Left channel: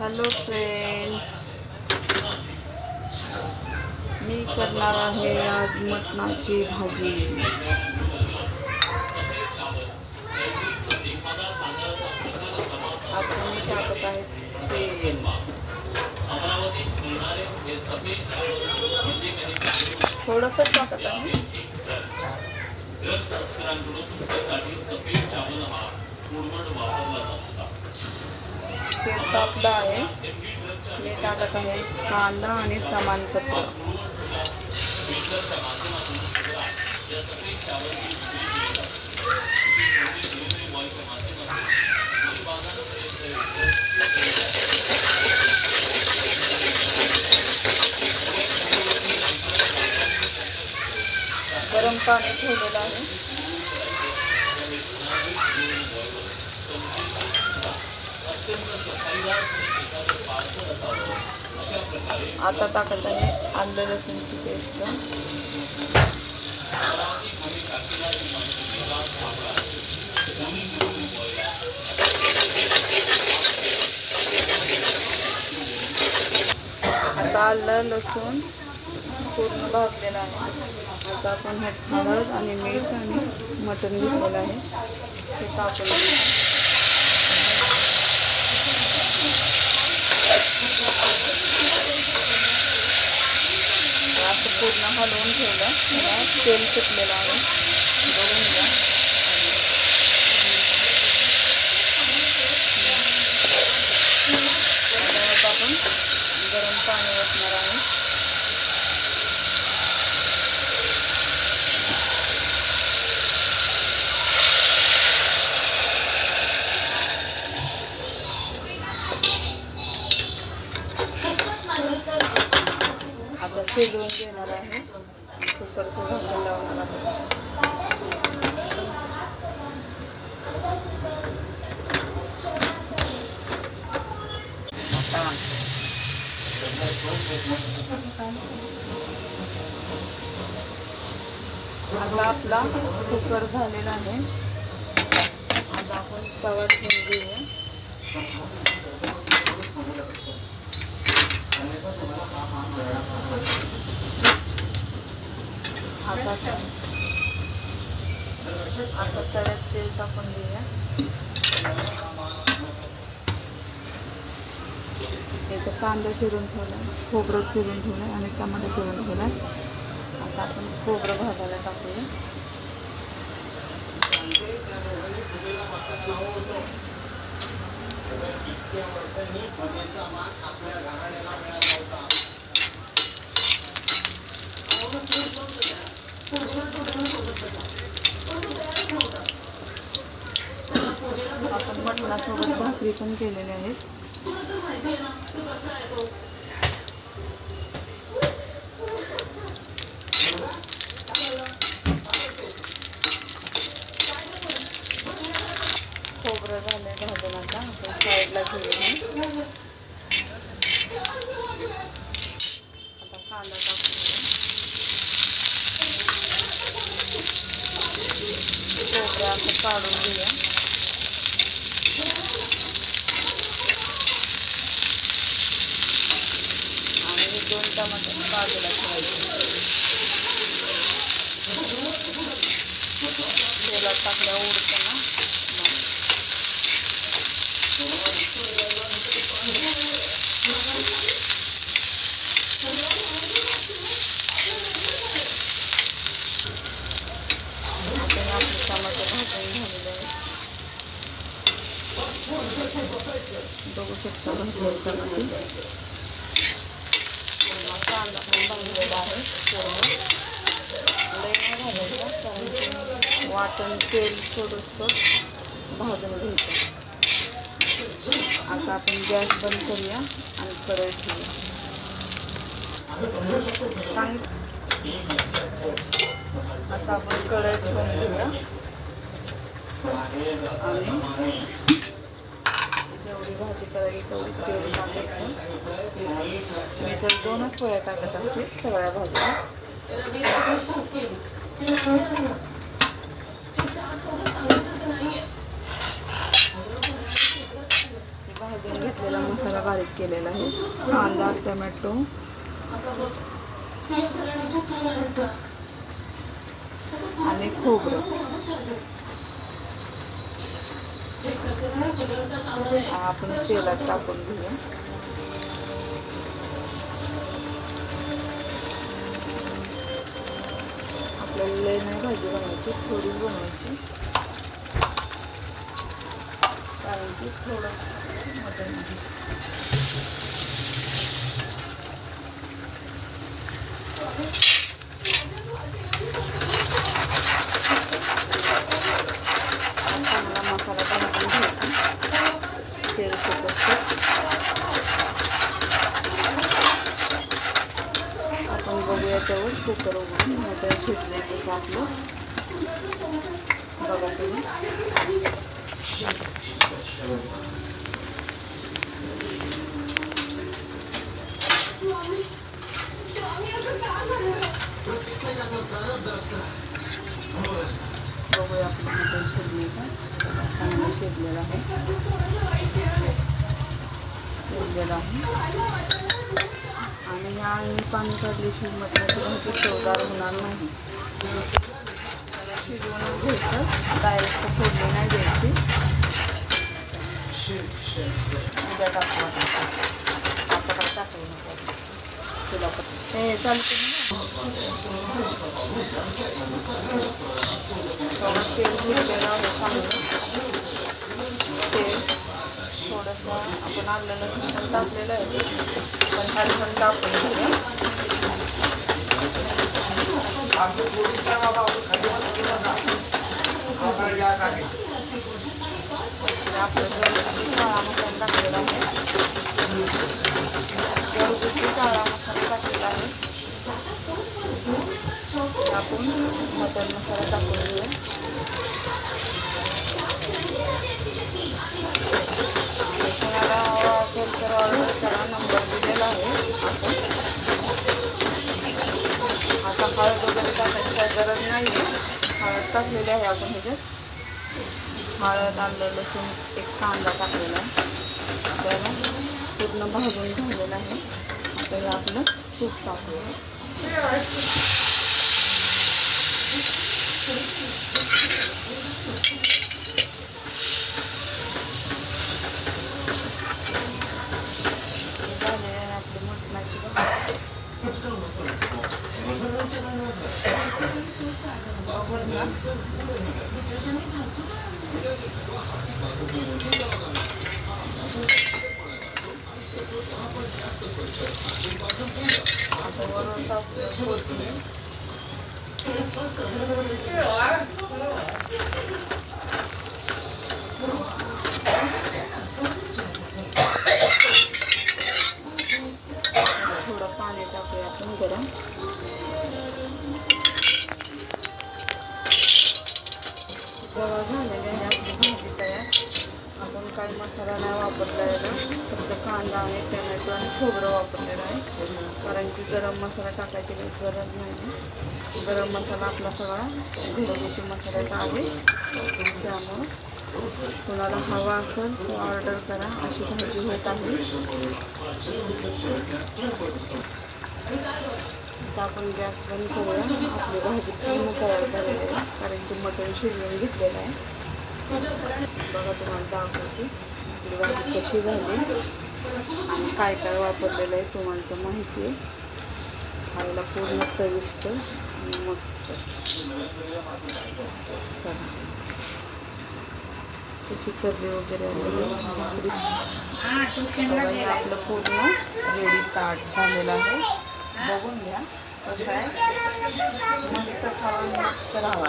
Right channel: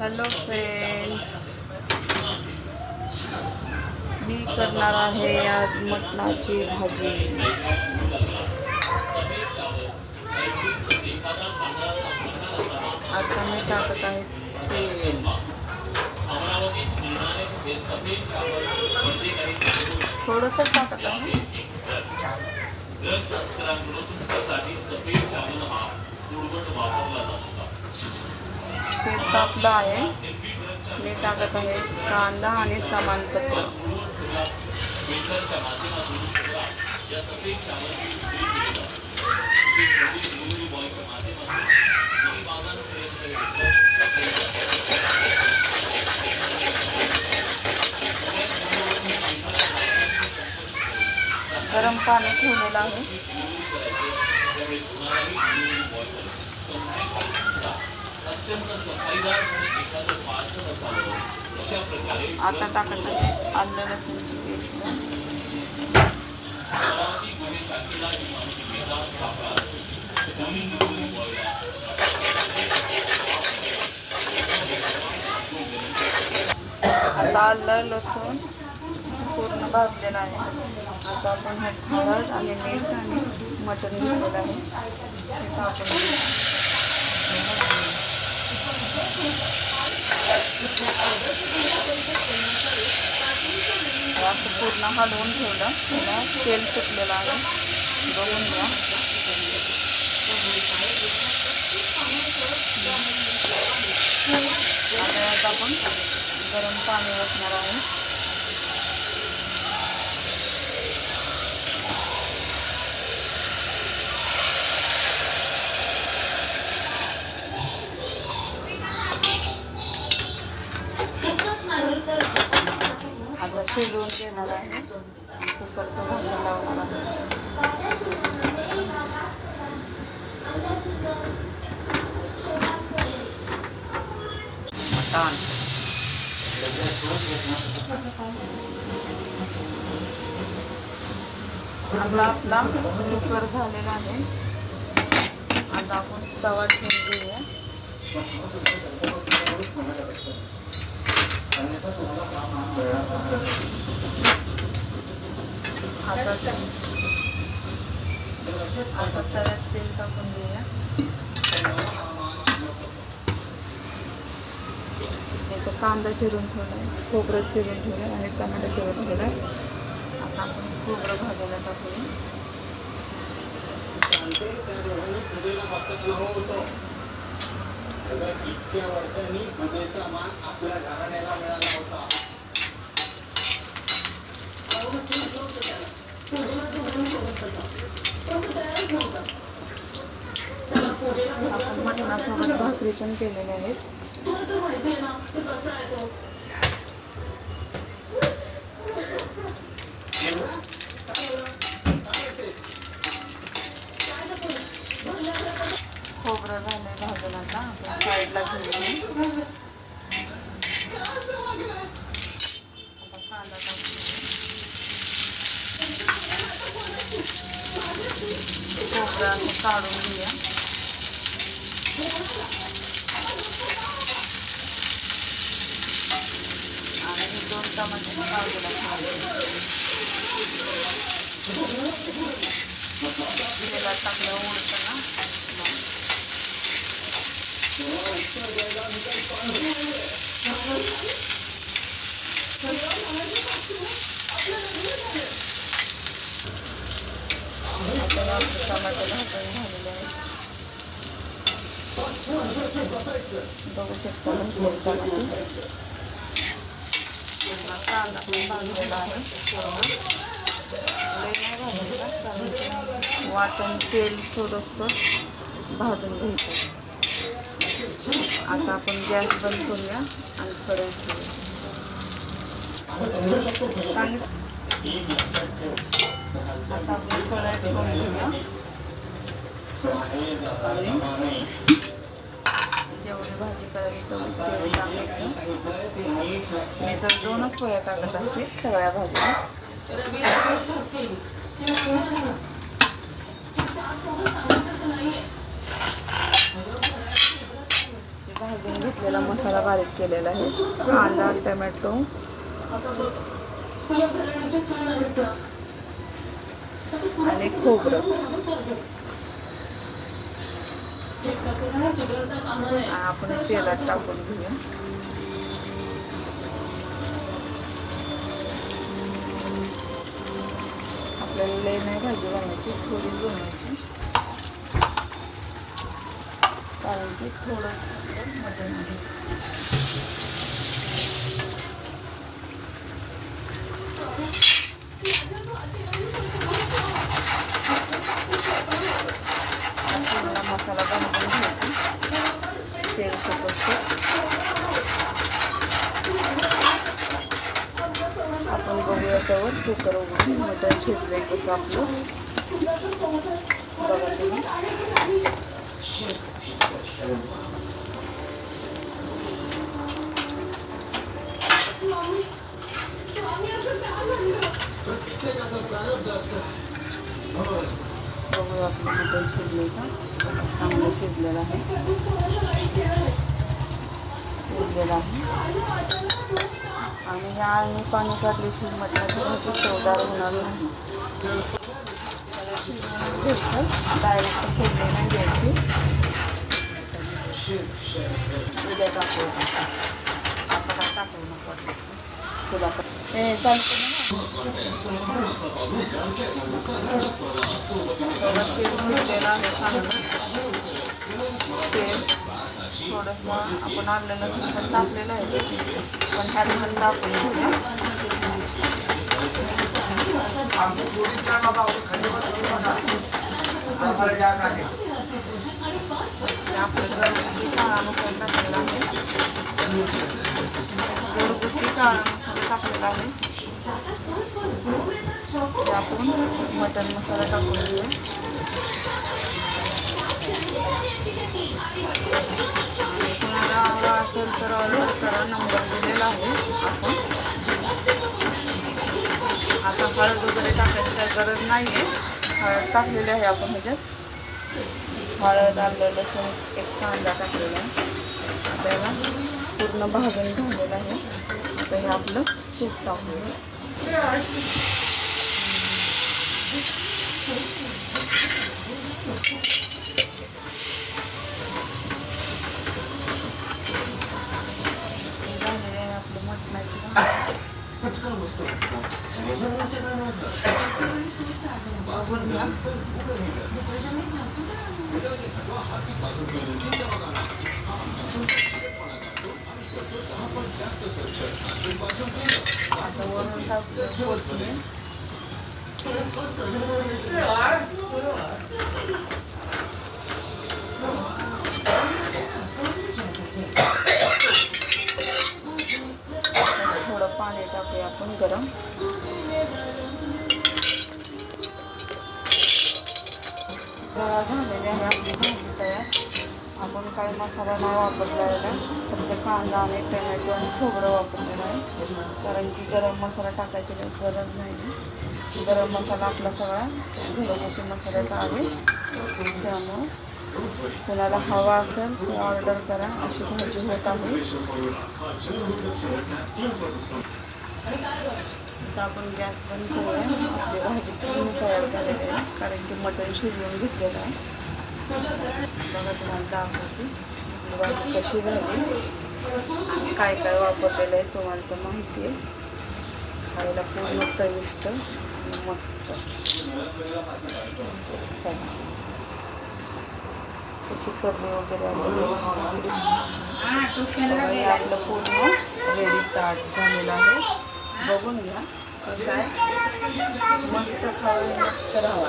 Hello friend, मी करणार आहे आज मटणाची भाजी. आता मी टाकत आहे तेल. थोडंसं टाकत आहे. तेल तापलं आहे. मी टाकत आहे कांदा आणि तमालपत्र. गरम पाणी ठेवलेलं आहे. आता टाकत आहे आलं लसूणची पेस्ट. आता आलं लसूण पूर्ण भाजलेलं आहे. आता आपण ह्यात हळद आणि मीठ आणि मटण घेतलेलं आहे ते टाकून असं पूर्ण हलवून ठेवलं. त्याला तेल सुटलेलं आहे, बघून घ्या. आता यात आपण गरम पाणी ओतणार आहे. आता शिजवून घेणार आहे. कुकरचं झाकण लावणार आहे. आता आपला कुकर झालेला आहे. आता आपण तवा ठेवून घेऊया. आता तव्यात तेल टाकून घेऊया. इथं कांदा चिरून ठेवला आहे, खोबरं चिरून ठेवलं आणि टमाटर चिरून ठेवला आहे. आता आपण खोबरं भाजायला टाकूया. आपण मटणासोबत भाकरी पण केलेले आहेत. खोबरं झालंय भाजून. आता आपण साईडला घेऊया. आता कांदा टाकूया. खोबरं असं काढून घेऊया. आणि 2 टमाटे बाजूला ठेवायचे. तेलात टाकलं उडतं ना. आता आपले टमाटे भाजून झालेले आहेत. बघू शकता भाजलेले टमाटे. कांदा पण भाजलेला आहे. लई नाही भाजायचा, कारण वाटण तेल थोडंसं भाजून घ्यायचं. आता आपण गॅस बंद करूया आणि कढई ठेवूया. आता आपण कढई ठेवून घेऊया आणि जेवढी भाजी करायची तेवढी तेल टाकायचं. मी तर 2च पोळ्या टाकत असते सगळ्या भाज्या. भाजून घेतलेला मसाला बारीक केलेला आहे. कांदा, टोमॅटो आणि खोबरं आपण तेलात टाकून घेऊया. आपल्याला लई नाही भाजी बनवायची, थोडीच बनवायची, कारण की थोडं मटण आहे. मसाला बनवून घ्यायचा तेल सोबत. आपण बघूया त्यावर कुकर उघडून मटण शिजले तसं आपलं. बघा तुम्ही बघूया आपलं मटण शिजले का. चांगलं शिजलेलं आहे, शिजलेलं आहे. आणि या आळणी पाणी काढल्याशिवाय मटणाची भाजी चवदार होणार नाही. त्याला शिजवून घ्यायचं, डायरेक्ट फोडणी नाही द्यायची. उद्या टाकू, आता काय टाकू नको तुला हे चालतं ना. तेल सुटलेलं आहे चांगलं. तेल थोडंसं आपण आलं लसूण पण टाकलेलं आहे, पण खाली पण टाकून घेऊया. आपलं घरगुती काळा मसाला टाकलेला आहे, घरगुती काळा मसाला टाकलेला आहे. आपण मटन मसाला टाकून घेऊया. आणि कोणाला असेल तर ऑर्डर करा, नंबर दिलेला आहे. आपण आता हळद वगैरे टाकायची काही गरज नाही आहे. हळद टाकलेली आहे आपण ह्याच्यात. हळद, आलं, लसूण, एक कांदा टाकलेला आहे. आपल्याला पूर्ण भाजून झालेलं आहे. आता हे आपलं तूप टाकूया. झालेलं आहे आपली मटणाची भाजी. आता वरून टाकूया कोथिंबीर. थोडं पाणी टाकूया आपण गरम. झालेली आहे आपली भाजी तयार. आपण काही मसाला नाही वापरलेला, फक्त कांदा आणि टोमॅटो आणि खोबरं वापरलेलं आहे, कारण की गरम मसाला टाकायची काही गरज नाही. गरम मसाला आपला सगळा घरगुती मसाल्याचा आहे. त्यामुळं कोणाला हवा असेल तर ऑर्डर करा. अशी भाजी होत आहे. आता आपण गॅस बंद करूया. आपली भाजी पूर्ण तयार झालेली आहे, कारण की मटण शिजवून घेतलेलं आहे. बघा तुम्हाला दाखवते आपली भाजी कशी झाली आणि काय काय वापरलेलं आहे तुम्हाला तर माहिती आहे. खायला पूर्ण चविष्ट आणि मस्त. कशी करणे वगैरे आपलं पूर्ण रेडी ताट झालेलं आहे. बघून घ्या कसं आहे, मस्त खाऊन राहा.